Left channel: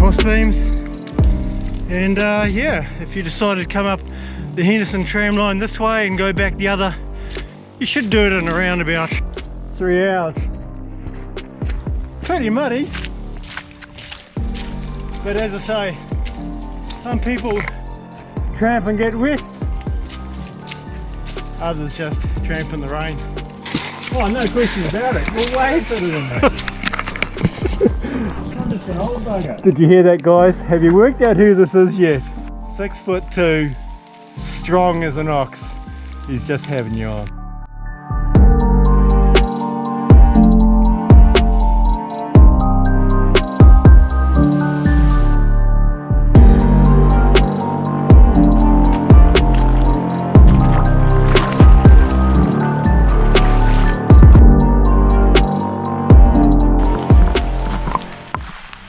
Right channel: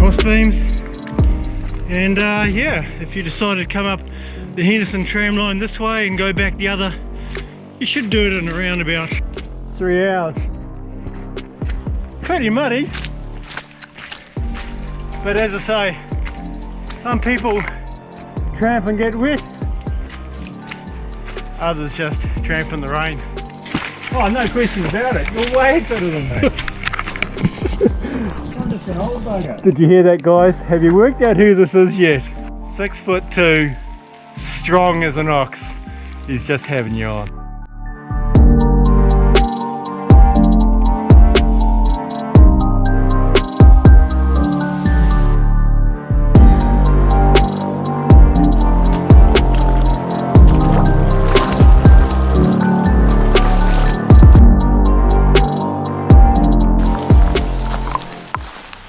crossbeams. And yeah, if you decided to come up the Henderson tramline this way and go back the other, you should do it in around about 3 hours. Pretty muddy, but as I say, some people tramp and get wet, others just tramp in the rain. Oh, no question about it, you're way better than me. I'm just an old bugger. Did you hear that, guys? Have you worked out who this is yet? 6'2", strong as an ox. He's just having you on.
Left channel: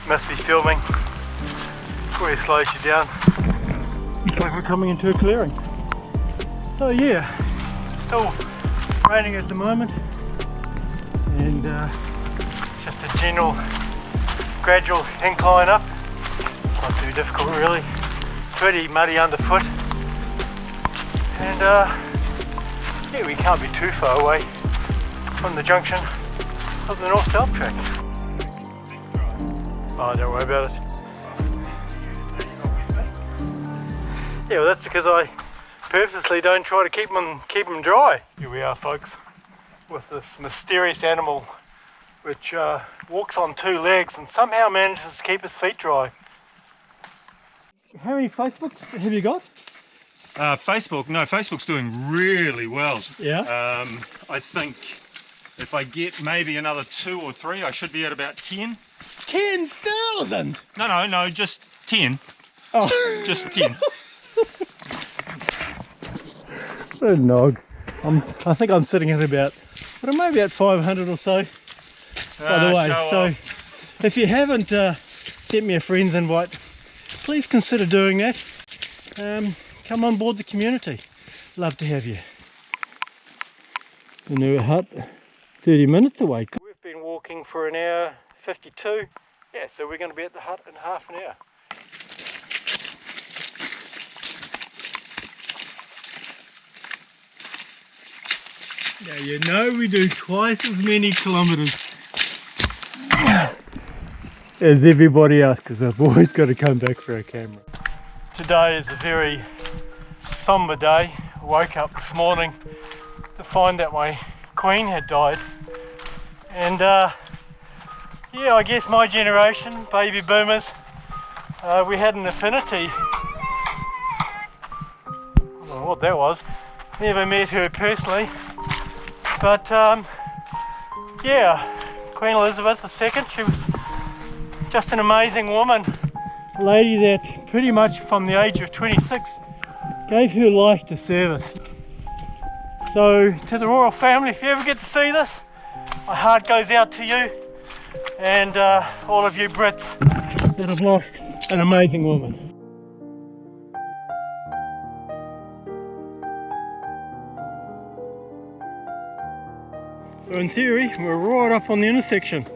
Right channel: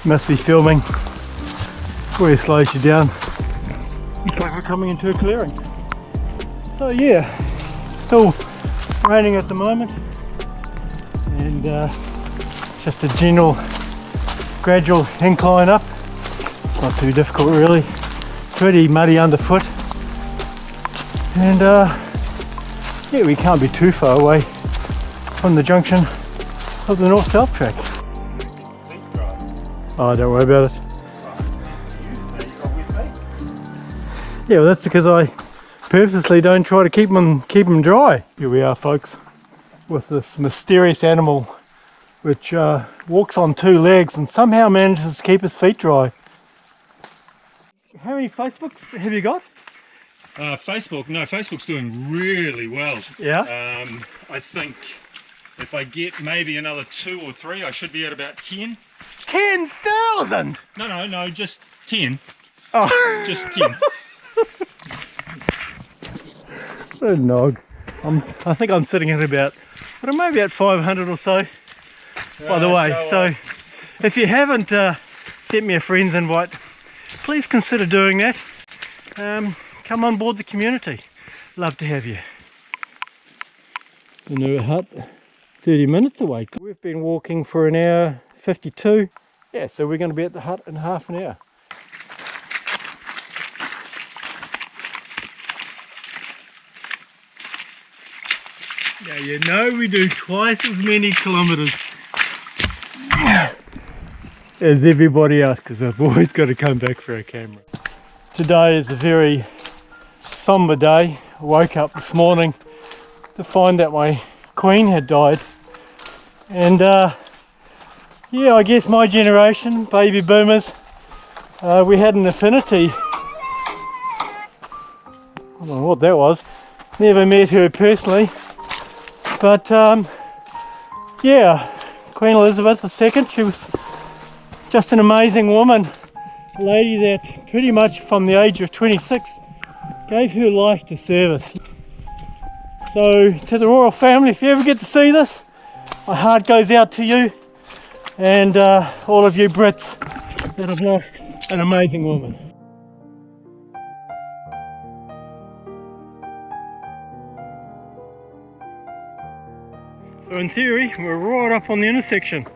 Must be filming before he slows you down. Looks like we're coming into a clearing. So yeah, still raining at the moment, and it's just a general gradual incline up. Not too difficult really. Pretty muddy underfoot, and yeah, we can't be too far away from the junction of the north-south track. Oh, don't worry about it. Yeah, well, that's because I purposely don't try to keep them dry. Here we are, folks, with this mysterious animal which walks on 2 legs and somehow manages to keep his feet dry. How many Facebooks have you got? Facebook? No, Facebook's doing really well. Yeah? I think if I get maybe another 2 or 3, I should be at about 10. 10,000? No, just 10. Oh. Just 10. What a nog. I think I'm sitting at about, but maybe at 500 or so, by the way. So if you haven't sent me a friend's invite, please consider doing that. Come on board the community. Love to have you. Hurunui Hut, 30 minutes away. We've been walking for an hour 52. Yeah, so we're going to be at the hut in half an hour. Now you know we do twice as many kilometres as everybody else, because I've always got to come back for a camera. Today is a very somber day. I woke up this morning to find that my queen had died, and yeah, I guess my generation, baby boomers, we had an affinity. I don't know what that was. Never met her personally, but yeah, Queen Elizabeth II, she was just an amazing woman. A lady that pretty much from the age of 26 gave her life to service. So to the royal family, if you ever get to see this, my heart goes out to you, and all of you Brits that have lost an amazing woman. So in theory, we're right up on the intersection.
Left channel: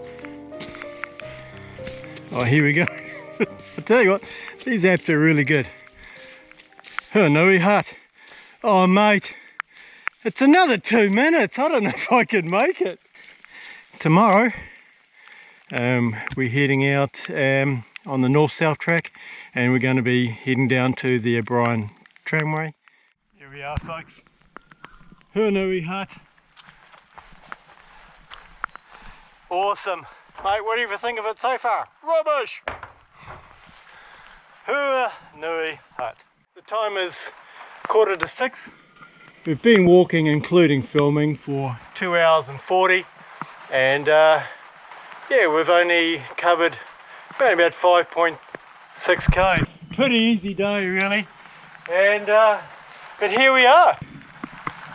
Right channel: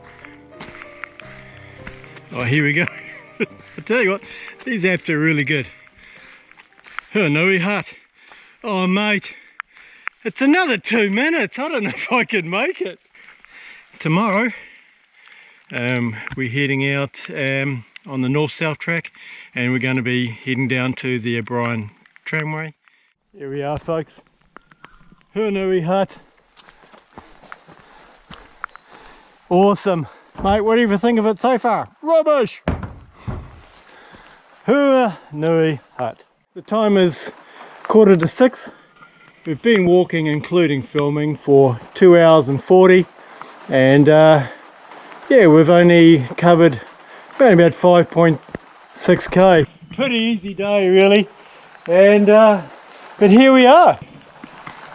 Oh, here we go. I tell you what, these apps are really good. Hurunui Hut. Oh mate, it's another 2 minutes. I don't know if I could make it. Tomorrow, we're heading out on the north-south track, and we're going to be heading down to the O'Brien tramway. Here we are, folks. Hurunui Hut. Awesome. Mate, what do you think of it so far? Rubbish! Hurunui Hut. The time is 5:45. We've been walking, including filming, for 2 hours and 40, and yeah, we've only covered about 5.6k. Pretty easy day really, and but here we are.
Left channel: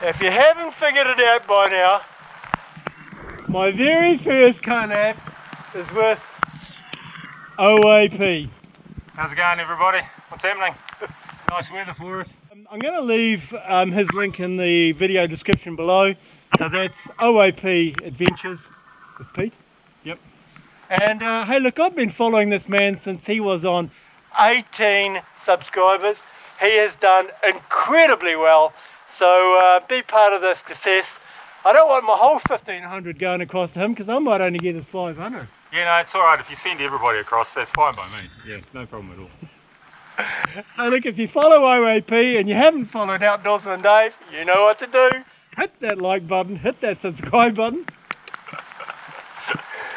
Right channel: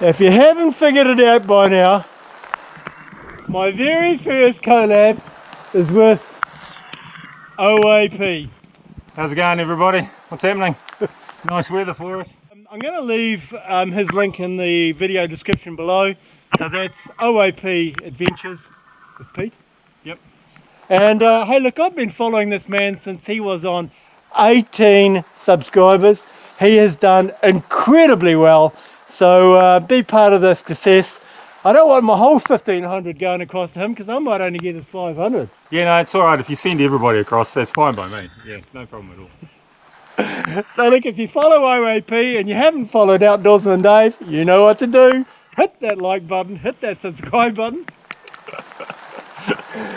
If you haven't figured it out by now, my very first collab is with OAP. How's it going, everybody? What's happening? Nice weather for it. I'm going to leave his link in the video description below. So that's OAP Adventures with Pete. Yep. And hey, look, I've been following this man since he was on 18 subscribers. He has done incredibly well. So be part of this success. I don't want my whole 1500 going across to him because I might only get his 500. Yeah, no, it's alright. If you send everybody across, that's fine by me. Yeah, no problem at all. So look, if you follow OAP and you haven't followed Outdoorsman Dave, you know what to do. Hit that like button, hit that subscribe button.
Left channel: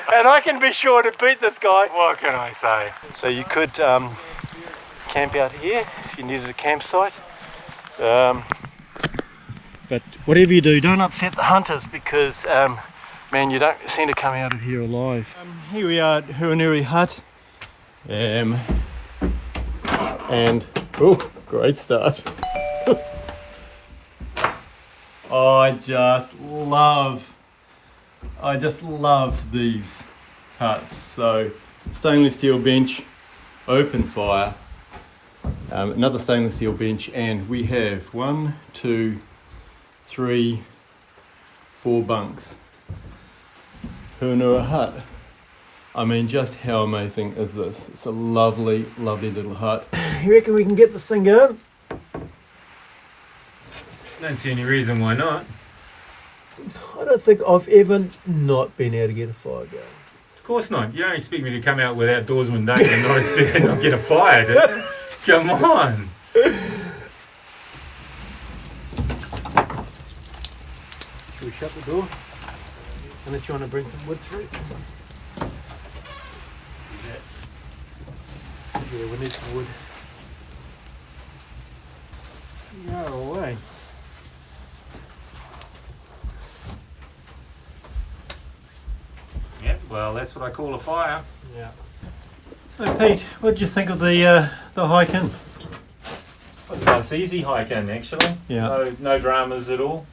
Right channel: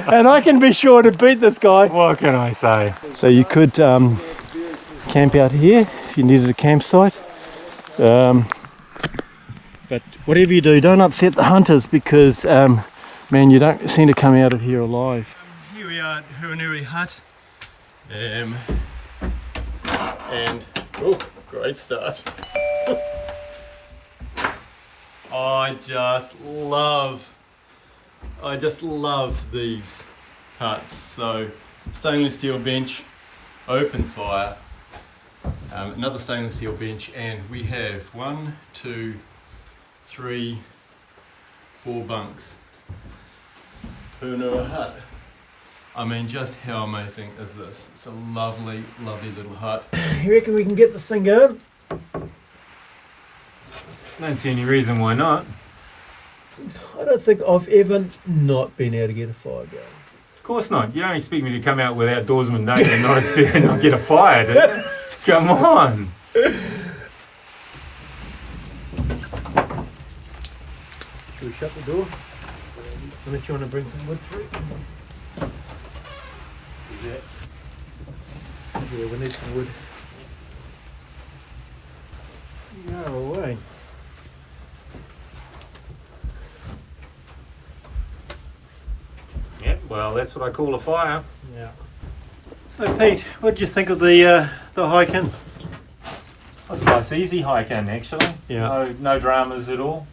And I can be sure to beat this guy. What can I say? So you could camp out here if you needed a campsite. But whatever you do, don't upset the hunters because, man, you don't seem to come out of here alive. Here we are at Hurunui Hut. And, oh, great start. I just love these huts. So stainless steel bench, open fire, another stainless steel bench, and we have 1, 2, 3, 4 bunks. Hurunui Hut. I mean, just how amazing is this? It's a lovely, lovely little hut. You reckon we can get this thing going? Don't see any reason why not. I don't think I've ever not been able to get a fire going. Of course not. You don't expect me to come out with Outdoorsman Dave and not expect to not get a fire, do you? Come on. Should we shut the door? Unless you want to bring some wood through. Yeah, we need some wood. No way. Yeah, well, that's what I call a fire. Yeah. So Pete, what did you think of the hike in? It was a nice easy hike in, actually. Yeah. No dramas at all.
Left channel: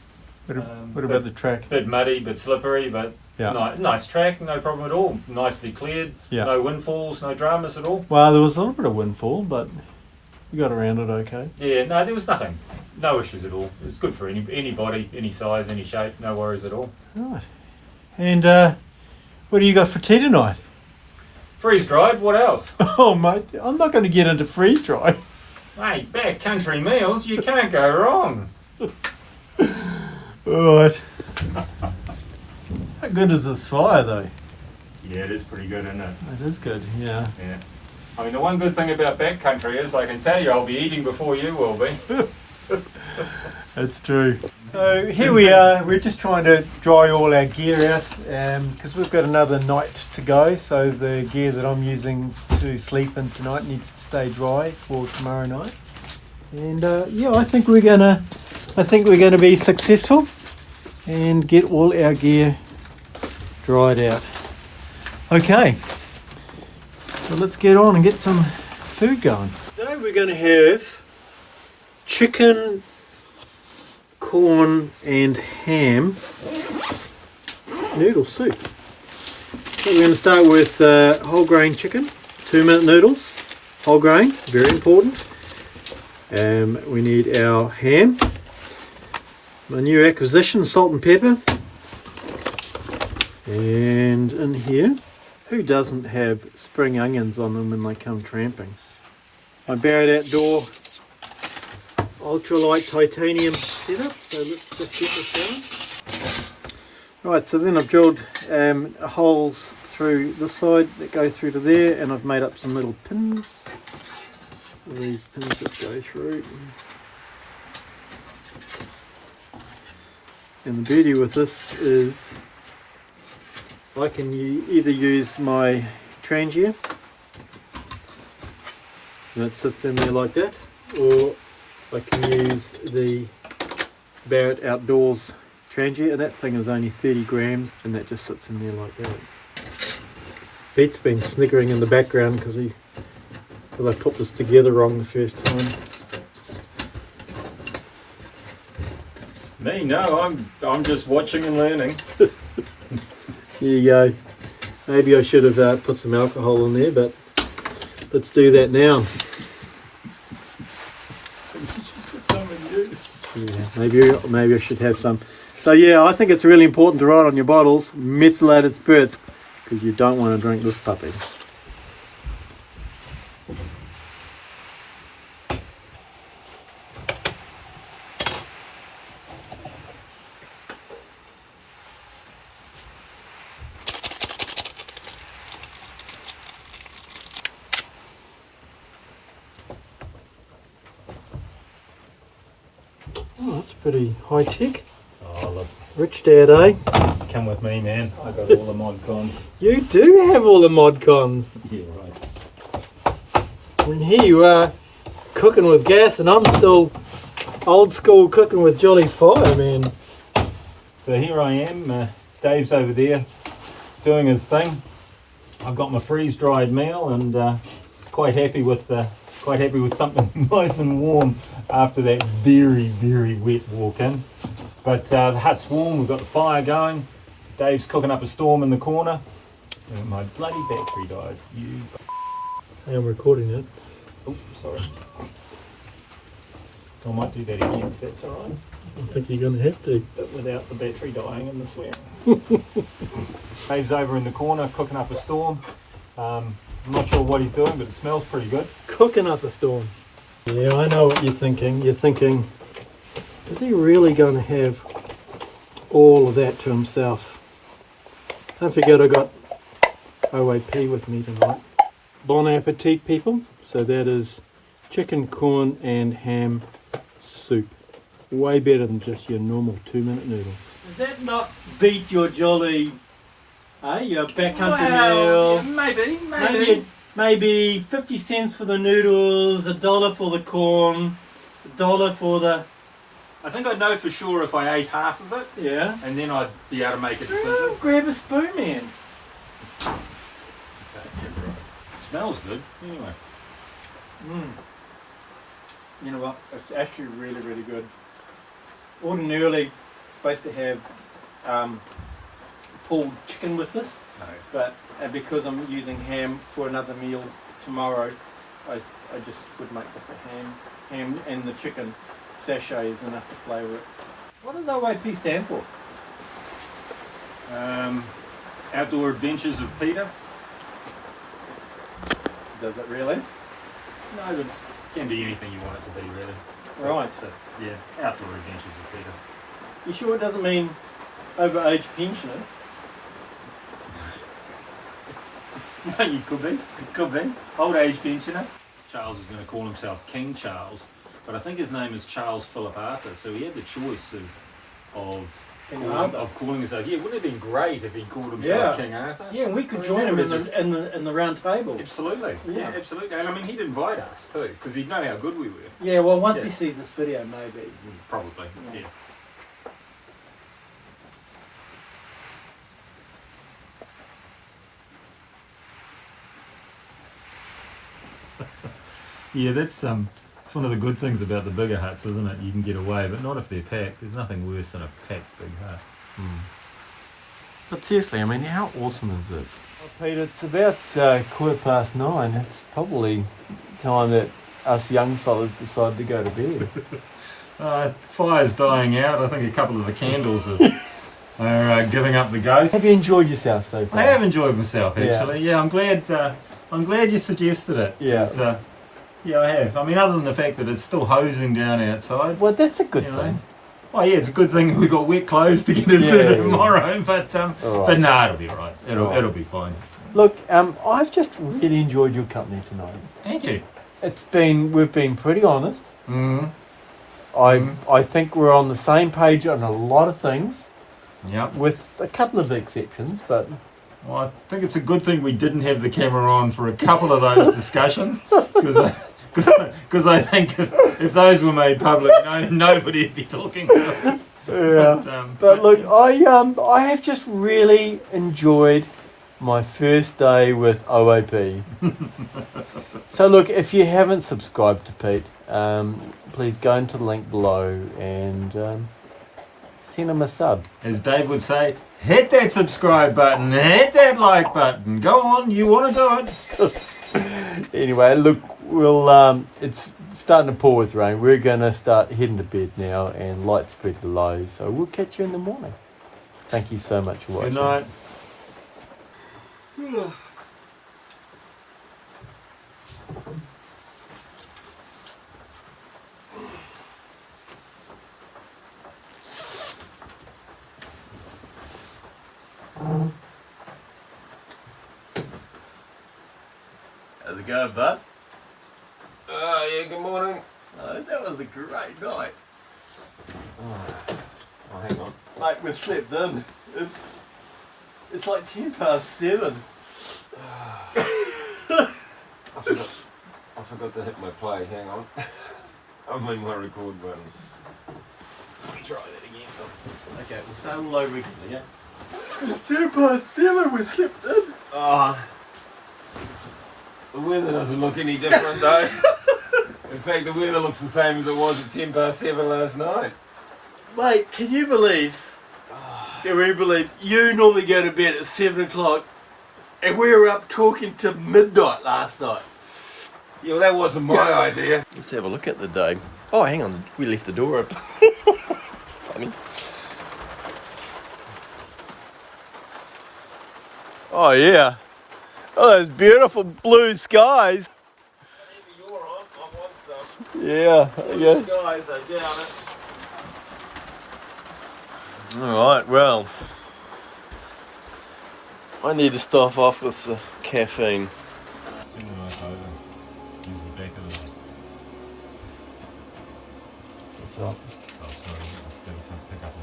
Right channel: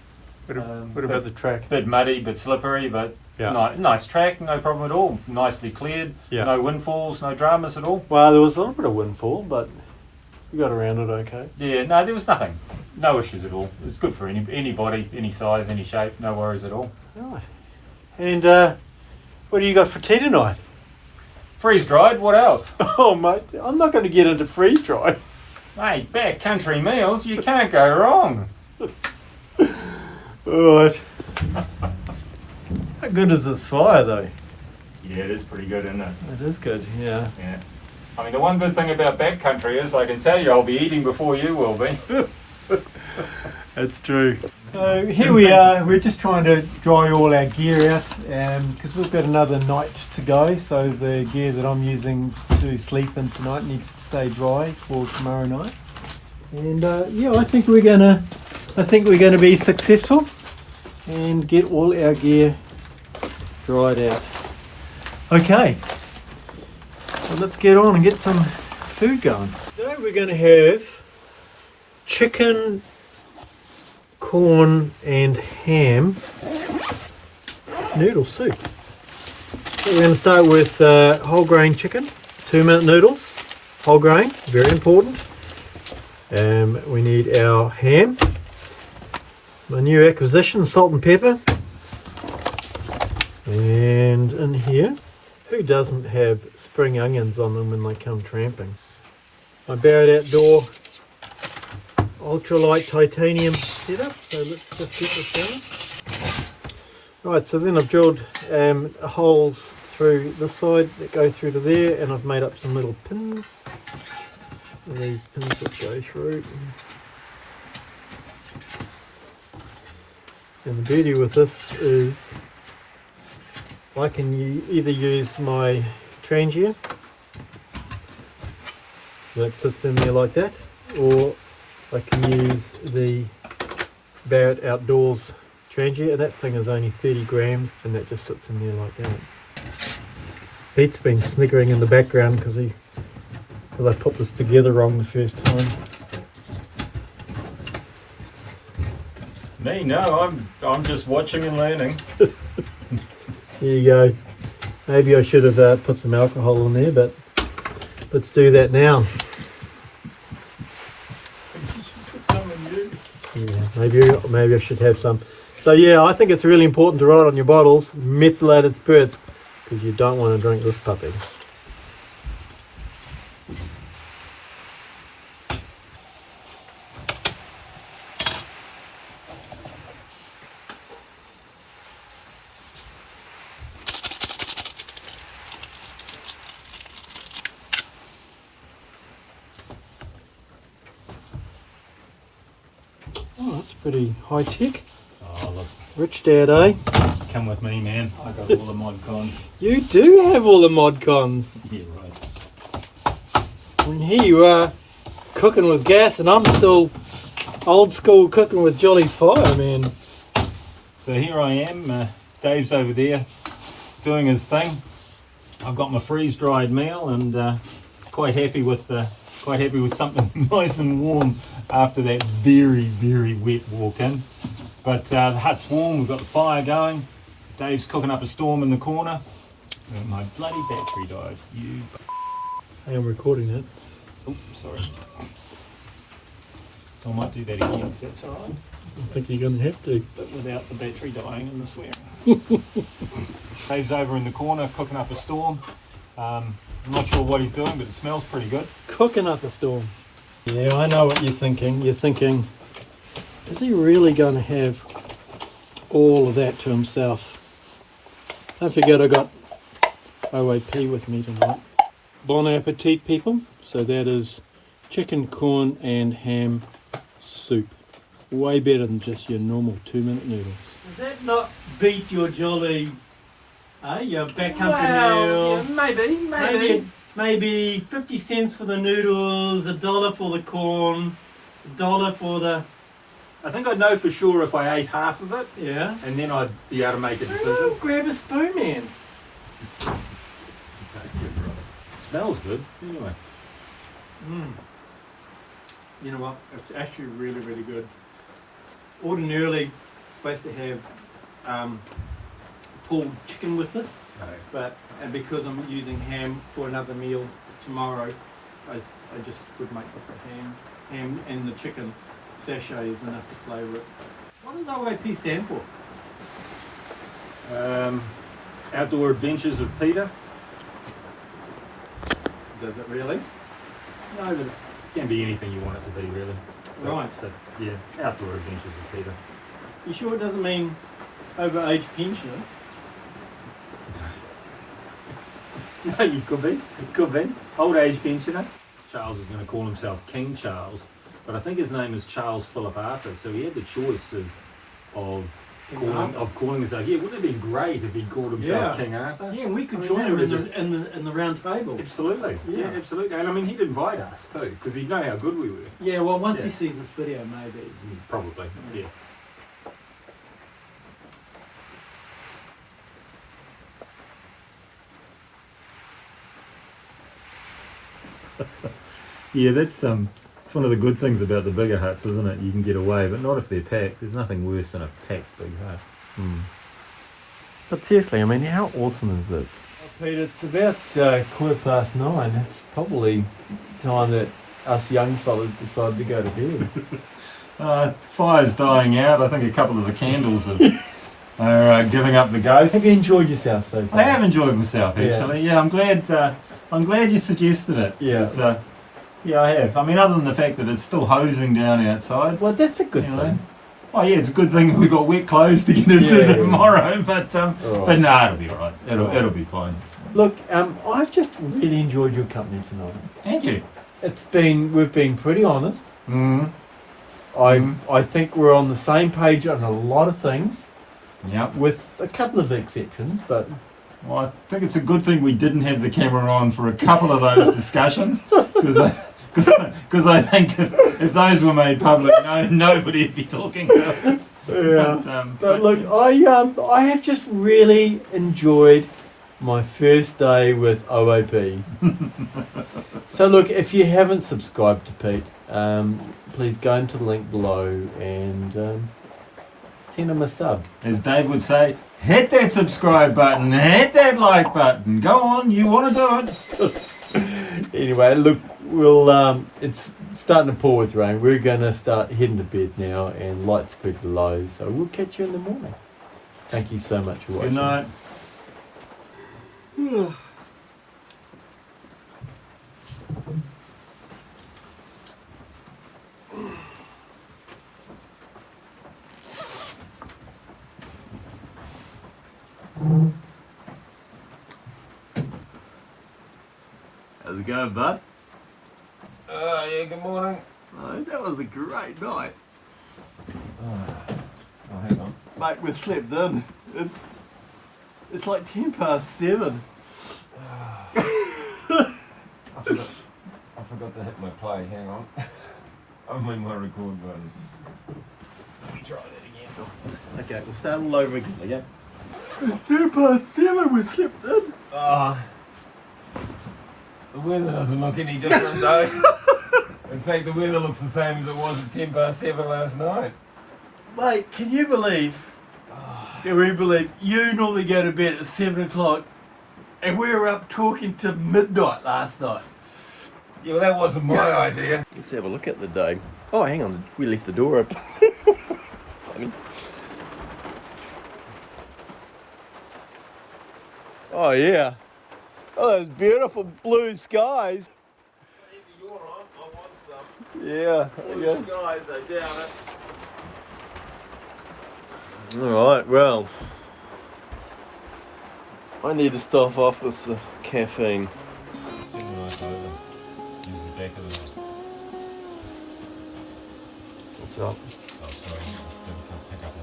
What about the track? Bit muddy, bit slippery, but yeah. Nice track, no problem at all. Nicely cleared, yeah. No windfalls, no dramas at all. Well, there was a little bit of windfall, but we got around it okay. Yeah, no, there was nothing. No issues at all. It's good for anybody, any size, any shape, no worries at all. Right. And what do you got for tea tonight? Freeze-dried, what else? Oh, mate, I'm not going to get into freeze-dried. Mate, backcountry meals, you can't go wrong. Alright. How good is this fire, though? Yeah, it is pretty good, isn't it? It is good, yeah. Yeah. I mean, the one good thing about backcountry is I can tell you I'll be eating before you will be. That's true. So here we are, we're just trying to dry all our gear out because we've got another night to go, so the gear that I'm using to sleep in tonight needs to stay dry for tomorrow night. And yeah, I think we're gonna be successful and get all our gear dried out. Okay, so let's get on and get some food going. Today we're going to have chicken, corn and ham noodle soup. So we're going to start with whole grain chicken, 2-minute noodles, whole grain, very important. We need our ham, my new acquisition, salt and pepper, and in here, who doesn't have spring onions on them when they come tramping? My Barrett Outdoor ultralight titanium setup, so let's just get this going. Right, so then I've drilled holes through this side that go through to there, and I've made up some little pins. So these pins just go through. And the beauty with this is I can either use my trangia that sits in there like that, or I can use the Barrett Outdoors trangia, and that thing is only 30 grams, and that just sits in there like that. Pete's been sniggering in the background because I put this together wrong the first time. Me? No, I'm just watching and learning. There you go. Maybe I should have put some alcohol in there, but let's do that now. Yeah, maybe I should have some. So yeah, I think it's really important to write on your bottles methylated spirits. because you don't want to drink this puppy. Oh, that's pretty high tech. Oh, look, Rich dad, eh? come with me, man. I got all the mod cons. You do have all the mod cons. Yeah, right. And here you are cooking with gas, and I'm still old school cooking with jolly fire, man. So here I am. Dave's over there doing his thing. I've got my freeze dried meal, and quite happy with something nice and warm after that very, very wet walk in. But the hut's warm, we've got the fire going. Dave's cooking up a storm in the corner. And my bloody battery died. I am recording it. Oops, sorry. So I might do that again if that's alright. I think you're going to have to. But without the battery dying and the swearing. Dave's over in the corner cooking up a storm. I'm not sure what he's doing, but it smells pretty good. Cooking up a storm. Yeah, I know what you're thinking. You're thinking, is he really going to have all of that to himself? Don't forget I got OAP with me tonight. Bon appetit, people. So that is chicken, corn and ham soup. Way better than just your normal 2-minute noodle. Does that not beat your jolly, your backcountry meal? Maybe 50 cents for the noodles, $1 for the corn, $1 for the... I think I'd know for sure if I ate half of it, Yeah. and then I'd be able to make a decision. Grab a spoon, man. Smells good, anyway. You know what? It's actually really, really good. Ordinarily, it's supposed to have pulled chicken with this, but because I'm using ham for another meal tomorrow, I just would make this a ham and the chicken sachet is enough to flavour it. What does OAP stand for? Outdoor Adventures of Peter. Does it really? No, but it can be anything you want it to be, really. Right. But, yeah, Outdoor Adventures of Peter. You sure it doesn't mean overage pensioner? No, you could be. It could be. Old age pensioner. Charles is going to call himself King Charles, but I think his name is Charles Philip Arthur, so he had the choice of calling himself. Yeah, wouldn't it have been great if he called himself King Arthur? Yeah, we could join him in the round table. Absolutely. Yeah, absolutely. And I mean, he'd invite us too, because he'd know how good we were. Yeah, well, once he sees this video, maybe. Probably. Yeah. Yeah, that's it's one of the good things about the bigger huts, isn't it? You can get away, but not if they're packed. There's nothing worse than a packed big hut. But seriously, I mean, how awesome is this? Well, Peter, it's about 9:15. It's probably time that us young fellas decide to go to bed. Fire's dying out. I think a couple of the candles are giving up the ghost. Have you enjoyed yourself so far? I have enjoyed myself, actually. Yeah, I'm glad you suggested it. Yeah. Yeah, I have. I mean, other than the fact that it's still hosing down outside. Well, that's a good thing. Oh yeah, it's a good thing we got wet clothes to get into tomorrow. But Right. no, it'll be right. It'll be fine. Look, I've just really enjoyed your company tonight. Thank you. We've been pretty honest. I think we're on the same page on a lot of things. Yep. With a couple of exceptions, but Well, I think it's a good thing we didn't have the camera on for a couple of those discussions, because I think if those were made public, nobody'd be talking to us. Yeah. But look, I have just really enjoyed my first day with OAP. So look, if you haven't subscribed to Pete, please go into the link below and send him a sub. As Dave would say, hit that subscribe button, hit that like button. Go on, you want to do it. Anyway, look, it's starting to pour with rain. We're going to start heading to bed now, and lights pretty low, so we'll catch you in the morning. Thank you so much for watching. Good night. How's it going, bud? Yeah, good morning. Oh, that was a great night. Oh, hang on. Mate, we've slept in. It's like 7:10. I forgot to hit my play. Hang on. I'm in my record button. Let me try that again. Okay, we'll start all over again, okay? It's 7:10, we slept in. Oh, the weather doesn't look any different though. In fact, the weather looks the same as it was at 7:10 last night. Mate, can you believe? Can we believe you normally go to bed at 7 o'clock and we were up talking to midnight last night? Yeah, well, that wasn't my idea. Let's have a look at the day. Oh, hang on, we left the door open. Funny. Oh, yeah. Oh, those beautiful blue skies. You're on. I want some. Yeah, yeah. Skies, I doubt it. Alright, well. I need to start off with the caffeine. Use the back of the... What's up? Oh, sorry. Didn't pick up.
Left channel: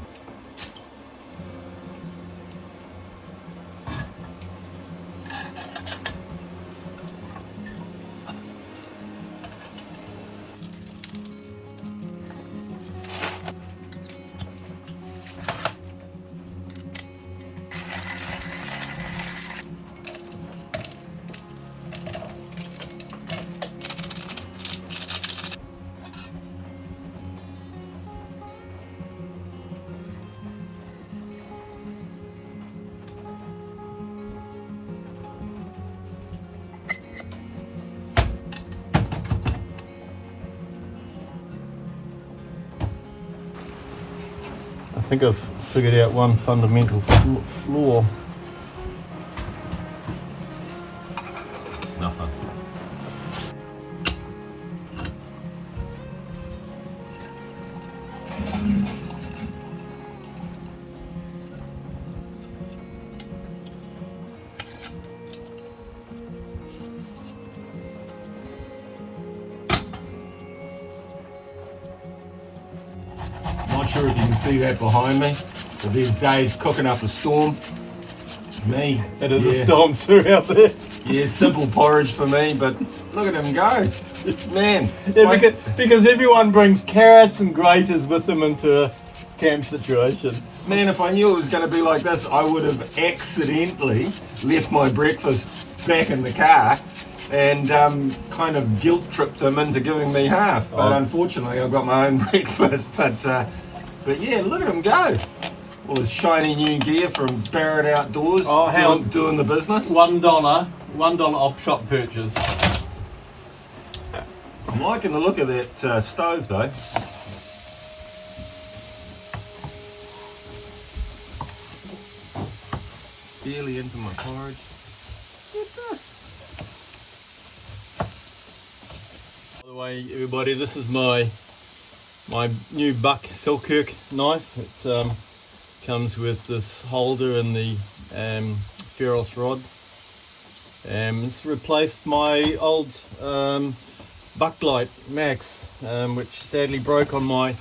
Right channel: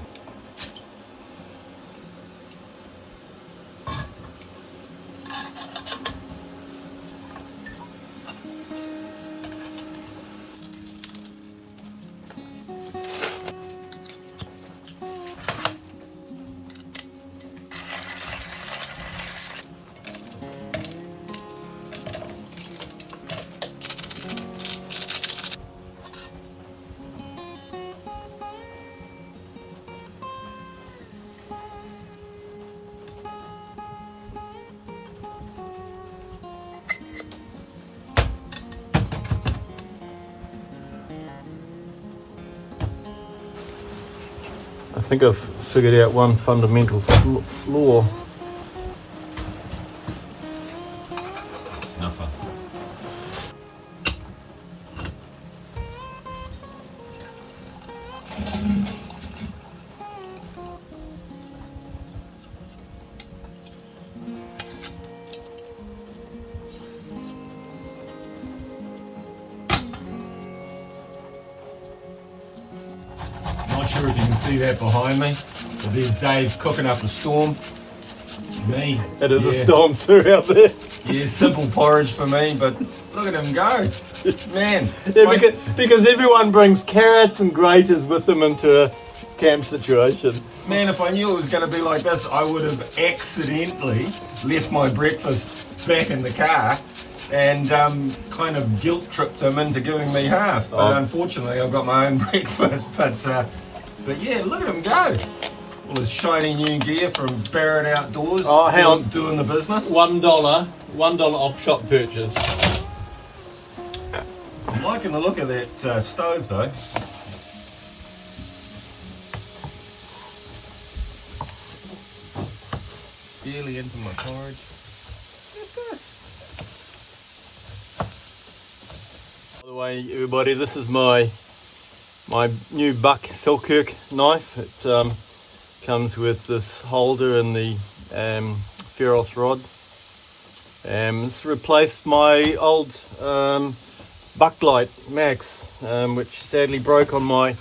I think I've figured out one fundamental flaw. Snuffer. Not sure if you can see that behind me, but there's Dave cooking up a storm. Me. It is a Yeah. storm through out there. Yeah, simple porridge for me, but look at him go. Man. Yeah, like- because everyone brings carrots and graters with them into a camp situation. Man, if I knew it was going to be like this, I would have accidentally left my breakfast back in the car and kind of guilt tripped him into giving me half. But unfortunately, I've got my own breakfast. But yeah, look at him go. All his shiny new gear from Barrett Outdoors. Oh, hang on. Doing the business. $1 op shop purchase. I'm liking the look of that stove though. Barely into my porridge. Look at this. By the way, everybody, this is my new buck Selkirk knife. It comes with this holder and the ferrous rod. It's replaced my old Bucklight Max, which sadly broke on my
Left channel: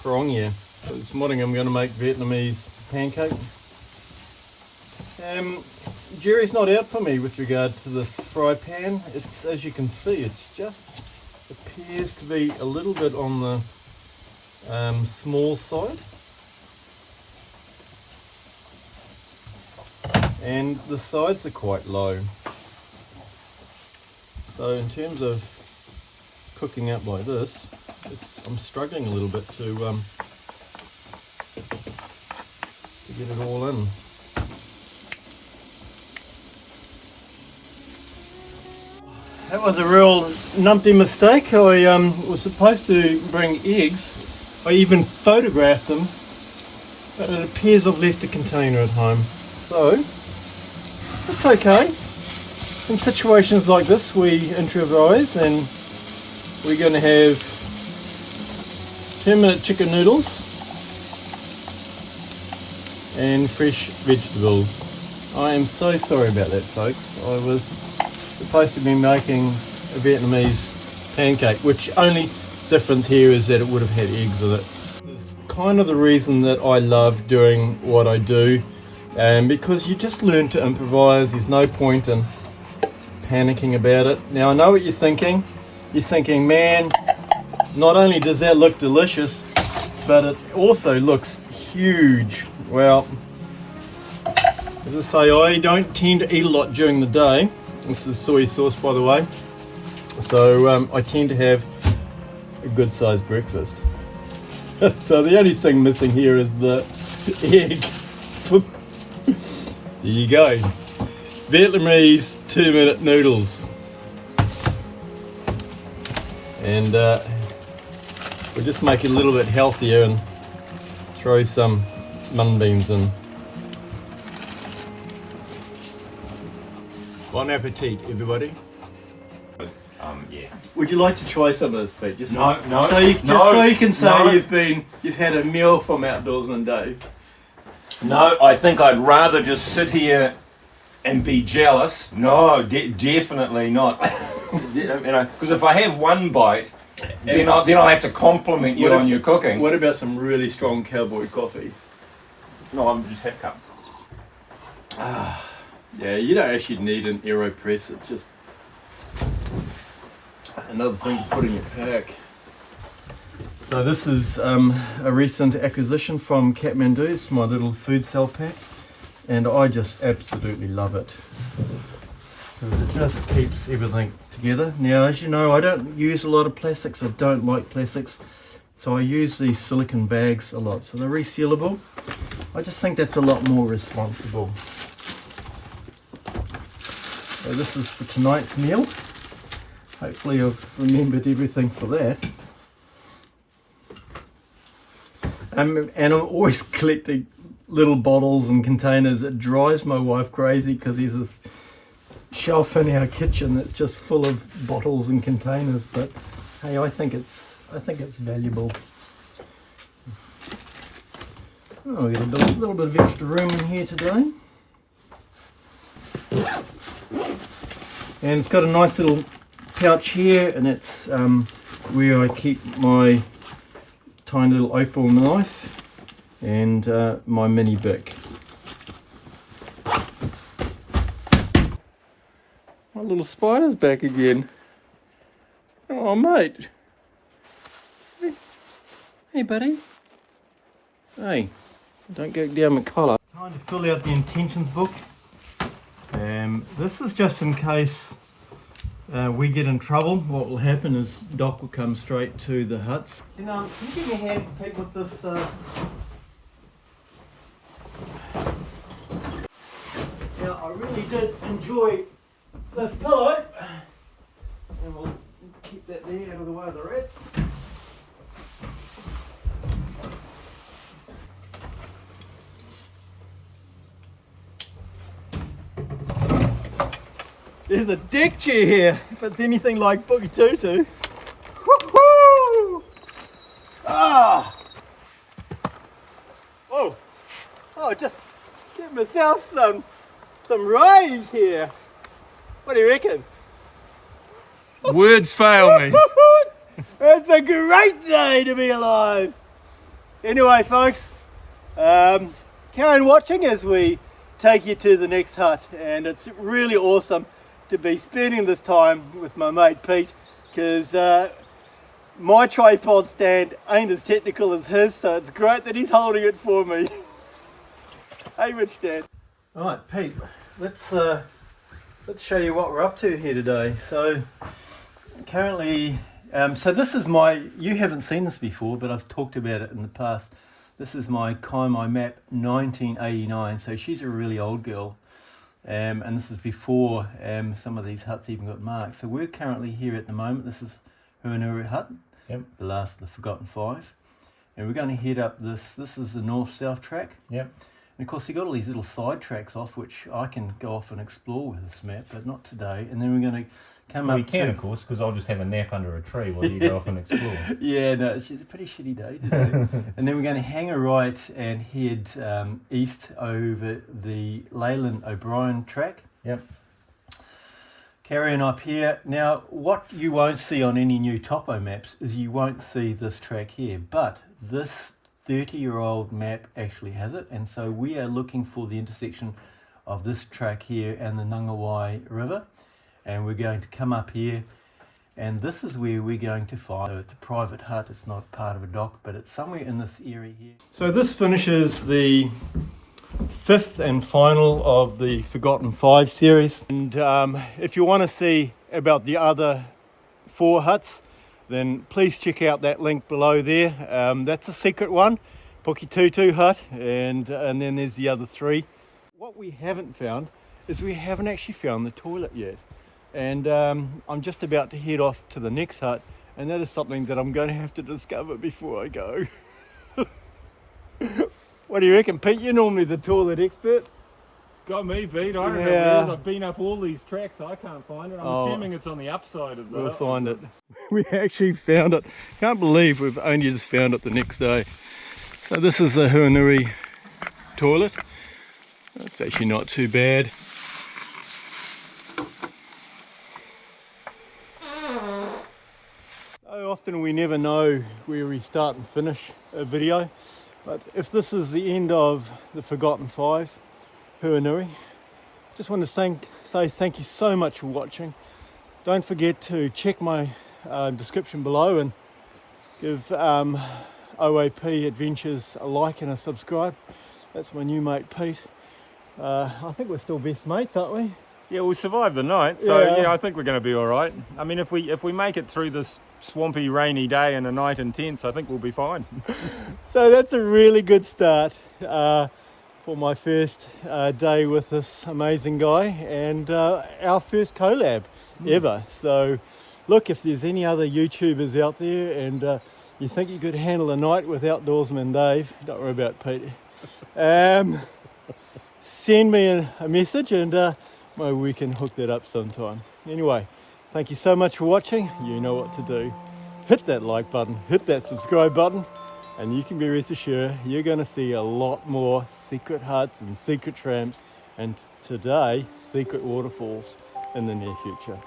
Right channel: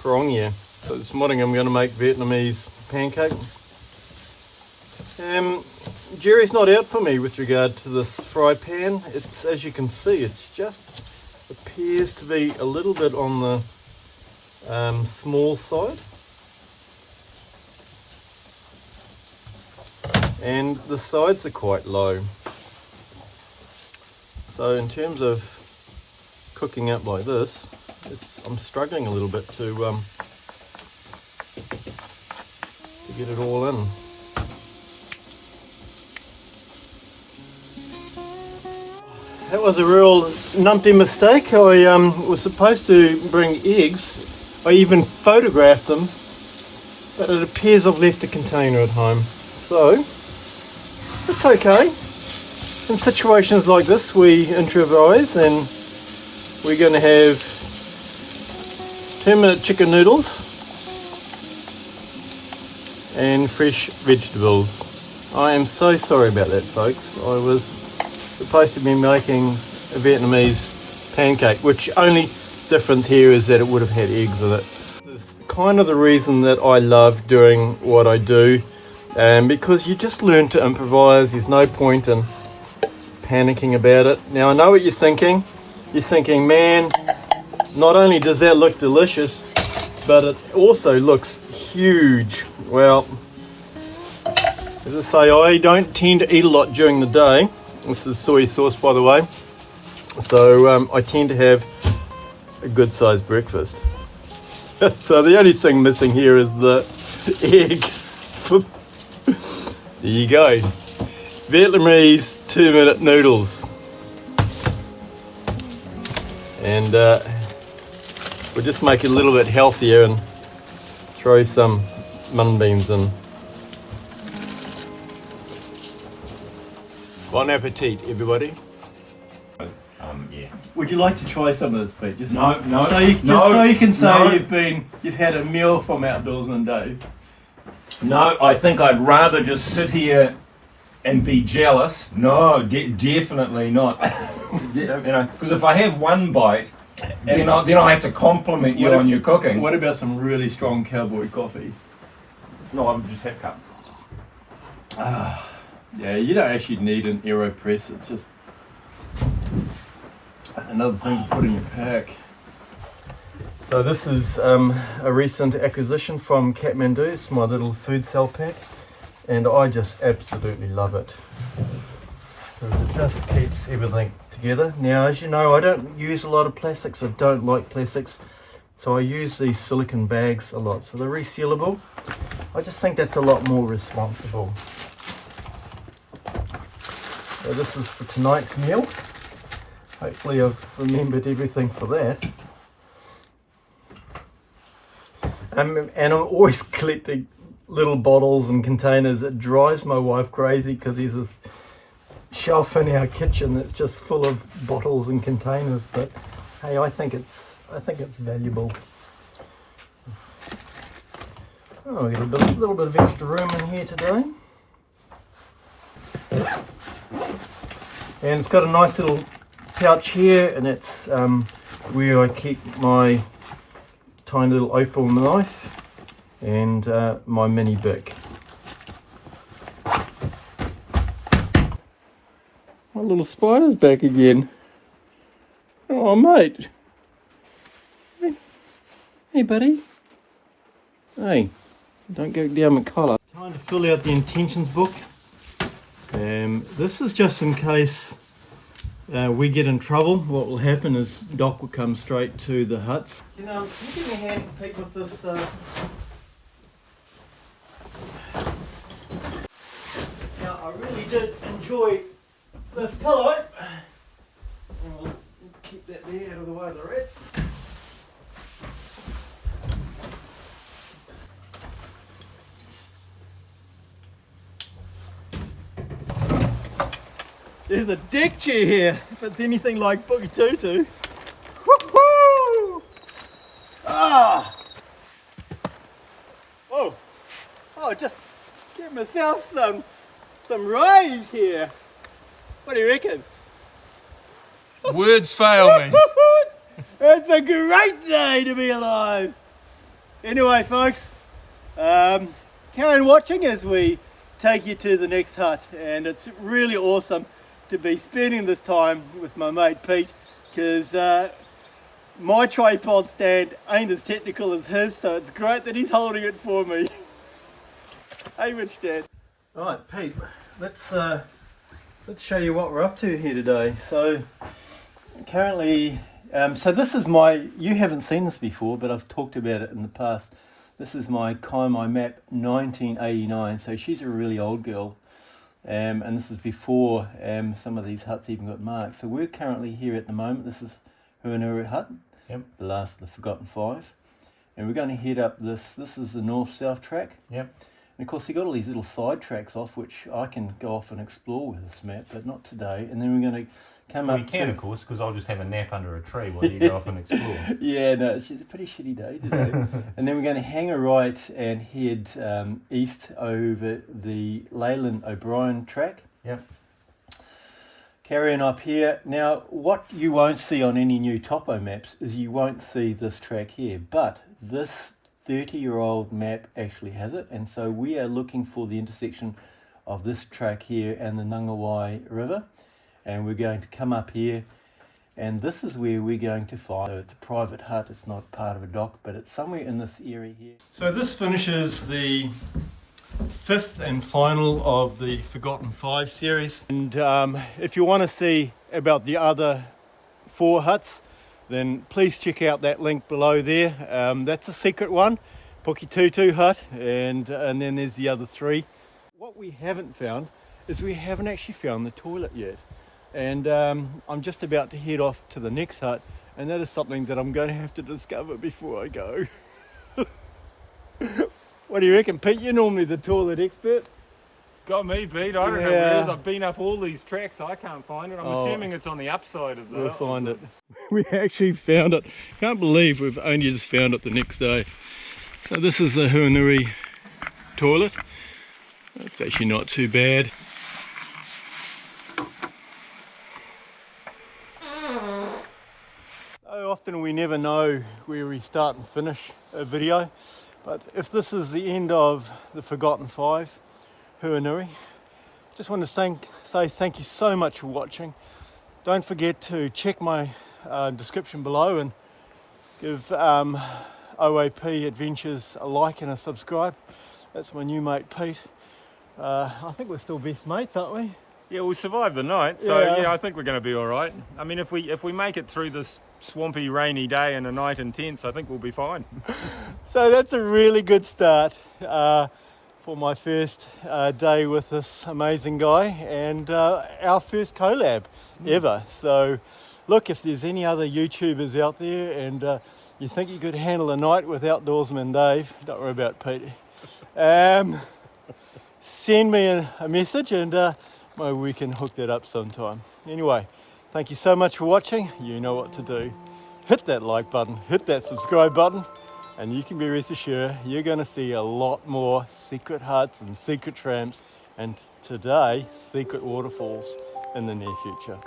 Karongia. So this morning I'm going to make Vietnamese pancake. Jerry's not out for me with regard to this fry pan. It's, as you can see, it's just appears to be a little bit on the small side. And the sides are quite low. So in terms of cooking up like this, I'm struggling a little bit to get it all in. That was a real numpty mistake. I was supposed to bring eggs. I even photographed them, but it appears I've left the container at home. So it's okay. In situations like this, we improvise, and we're going to have 2-minute chicken noodles and fresh vegetables. I am so sorry about that, folks. I was supposed to be making a Vietnamese pancake, which only difference here is that it would have had eggs in it. It's kind of the reason that I love doing what I do, because you just learn to improvise. There's no point in panicking about it. Now, I know what you're thinking. You're thinking, man, not only does that look delicious, but it also looks huge. Well, as I say, I don't tend to eat a lot during the day. This is soy sauce, by the way. So I tend to have a good sized breakfast. So the only thing missing here is the egg. There you go. Vietnamese 2-minute noodles. And we'll just make it a little bit healthier and throw some mung beans in. Bon appetit, everybody. Yeah. Would you like to try some of this, Pete? Just No. So you can say no. you've had a meal from Outdoorsman Dave. No, I think I'd rather just sit here and be jealous. No, definitely not. Because if I have one bite, then I'll have to compliment you on your cooking. What about some really strong cowboy coffee? No, I'm just half cup. Yeah, you don't actually need an AeroPress. It's just another thing to put in your pack. So this is a recent acquisition from Kathmandu. It's my little food cell pack, and I just absolutely love it because it just keeps everything together. Now, as you know, I don't use a lot of plastics. I don't like plastics, so I use these silicone bags a lot. So they're resealable. I just think that's a lot more responsible. So this is for tonight's meal. Hopefully I've remembered everything for that. And I'm always collecting little bottles and containers. It drives my wife crazy because there's this shelf in our kitchen that's just full of bottles and containers. But hey, I think it's valuable. Oh, we got a little bit of extra room in here today. And it's got a nice little pouch here, and it's where I keep my tiny little opal knife and my mini bic. My little spider's back again. Oh, mate. Hey, buddy. Hey, don't go down my collar. Time to fill out the intentions book. This is just in case we get in trouble. What will happen is Doc will come straight to the huts. Can you give me a hand, Pete, with this? Now, I really did enjoy this pillow. And we'll keep that there out of the way of the rats. There's a deck chair here, if it's anything like Boogie Tutu. Woohoo! Ah! Whoa! Oh, just get myself some rays here. What do you reckon? Words fail me. It's a great day to be alive. Anyway, folks, carry on watching as we take you to the next hut, and it's really awesome to be spending this time with my mate Pete, because my tripod stand ain't as technical as his, so it's great that he's holding it for me. Hey, Rich Dad. Alright, Pete, let's show you what we're up to here today. So currently, so this is you haven't seen this before, but I've talked about it in the past. This is my Kaimai map 1989, so she's a really old girl. And this is before some of these huts even got marked. So we're currently here at the moment. This is Hurunui Hut, Yep. the last of the Forgotten Five. And we're going to head up this. This is the north-south track. Yep. And of course, you've got all these little side tracks off, which I can go off and explore with this map, but not today. And then we're going to come up. We can, of course, because I'll just have a nap under a tree while you go off and explore. Yeah, no, it's a pretty shitty day today. And then we're going to hang a right and head east over the Leyland O'Brien track. Yep. Carrying up here. Now, what you won't see on any new topo maps is you won't see this track here, but this 30-year-old map actually has it, and so we are looking for the intersection of this track here and the Ngangawai River, and we're going to come up here, and this is where we're going to find, so it's a private hut, it's not part of a dock, but it's somewhere in this area here. So this finishes the 5th and final of the Forgotten Five series, and if you want to see about the other 4 huts, then please check out that link below there. That's a secret one, Pukitutu Hut, and then there's the other 3. What we haven't found is we haven't actually found the toilet yet, and I'm just about to head off to the next hut, and that is something that I'm going to have to discover before I go. What do you reckon, Pete? You're normally the toilet expert. Got me beat. I don't know where it is. I've been up all these tracks. I can't find it. I'm assuming it's on the upside of the... We'll find it. We actually found it. Can't believe we've only just found it the next day. So this is the Hurunui toilet. It's actually not too bad. So often we never know where we start and finish a video, but if this is the end of the Forgotten Five, Hurunui, just want to say thank you so much for watching. Don't forget to check my description below and give OAP Adventures a like and a subscribe. That's my new mate Pete. I think we're still best mates, aren't we? Yeah, we'll survive the night, so yeah, I think we're going to be all right. I mean, if we make it through this swampy, rainy day and a night in tents, I think we'll be fine. So that's a really good start for my first day with this amazing guy, and our first collab ever. So look, if there's any other YouTubers out there and you think you could handle a night with Outdoorsman Dave, don't worry about Pete. Send me a message and maybe we can hook that up sometime. Anyway, thank you so much for watching. You know what to do. Hit that like button, hit that subscribe button, and you can be rest assured you're going to see a lot more secret huts and secret tramps, and today, secret waterfalls in the near future.